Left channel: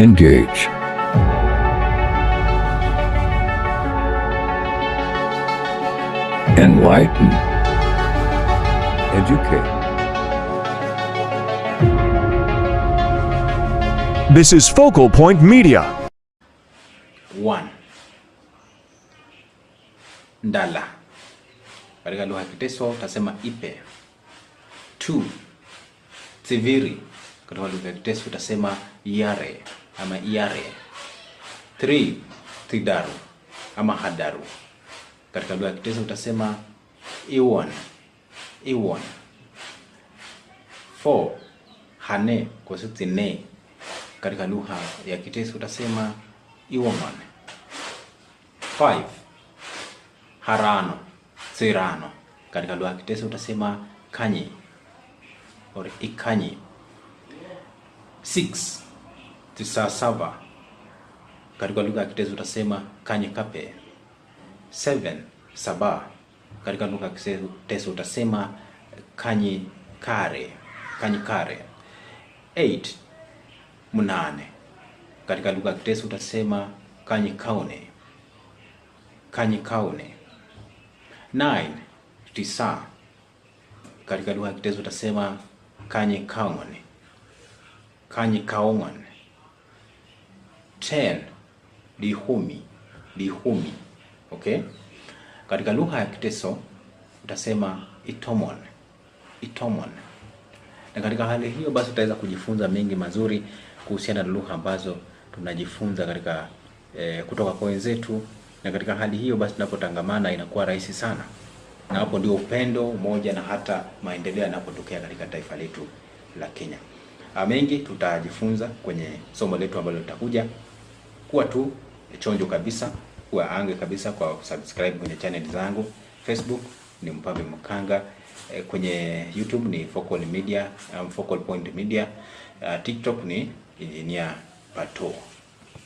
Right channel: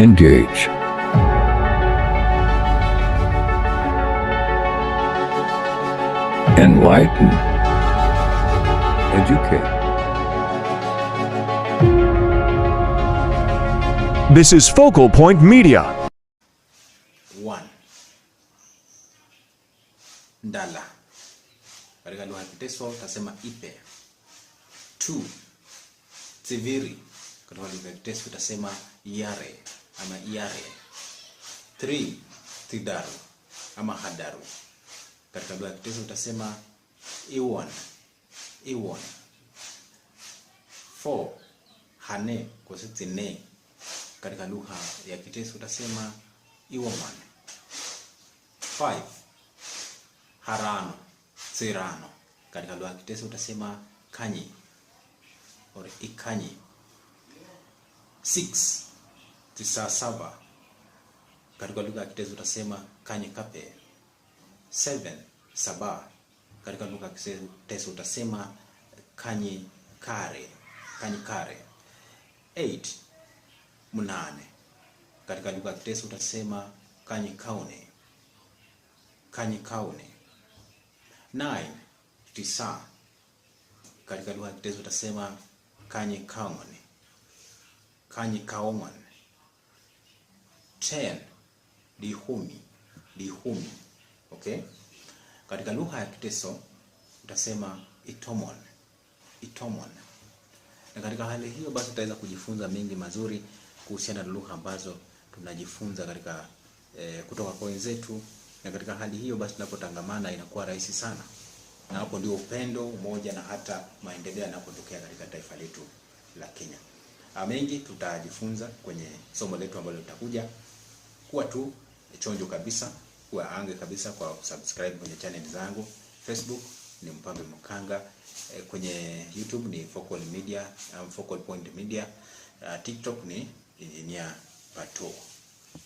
Engage. Enlighten. Educate. This is Focal Point Media. 1. Ndala. Katika lugha ya Kiteso utasema ipe. 2. Tsiviri. Katika lugha ya Kiteso utasema yare ama iare. 3. Tidaru ama hadaru. Katika lugha ya Kiteso utasema iwon. Iwon. 4. Hane kwa sauti ne. Katika lugha ya Kiteso utasema iwoman. 5. Harano, sirano. Katika lugha ya Kiteso utasema kanyi or ikanyi. 6. Tisasava. Katika lugha ya Kiteso utasema kanyi kape. 7. Saba. Katika lugha ya Kiteso utasema kanyi kare. Kanyi kare. 8. Munane. Katika lugha ya Kiteso utasema kanyi kaune. Kanyi kaune. 9. Tisa. Katika lugha ya Kiteso utasema kanyi kaone. Kanyi kaongon. 10. Dihumi. Dihumi. Okay? Katika lugha ya Kiteso utasema itomon. Itomon. Na katika hali hiyo basi utaweza kujifunza mengi mazuri kuhusiana na lugha ambazo tunajifunza katika kutoka kwa wenzetu, na katika hali hiyo basi tunapotangamana inakuwa rahisi sana. Na hapo ndio upendo, umoja na hata maendeleo yanapotokea katika taifa letu la Kenya. Mengi tutajifunza kwenye somo letu ambalo litakuja. Kuwa tu chonjo kabisa, kuwa ange kabisa kwa subscribe kwenye channel zangu. Facebook ni Mpambe Mkanga, kwenye YouTube ni Focal Media, Focal Point Media, TikTok ni Engineer Pato.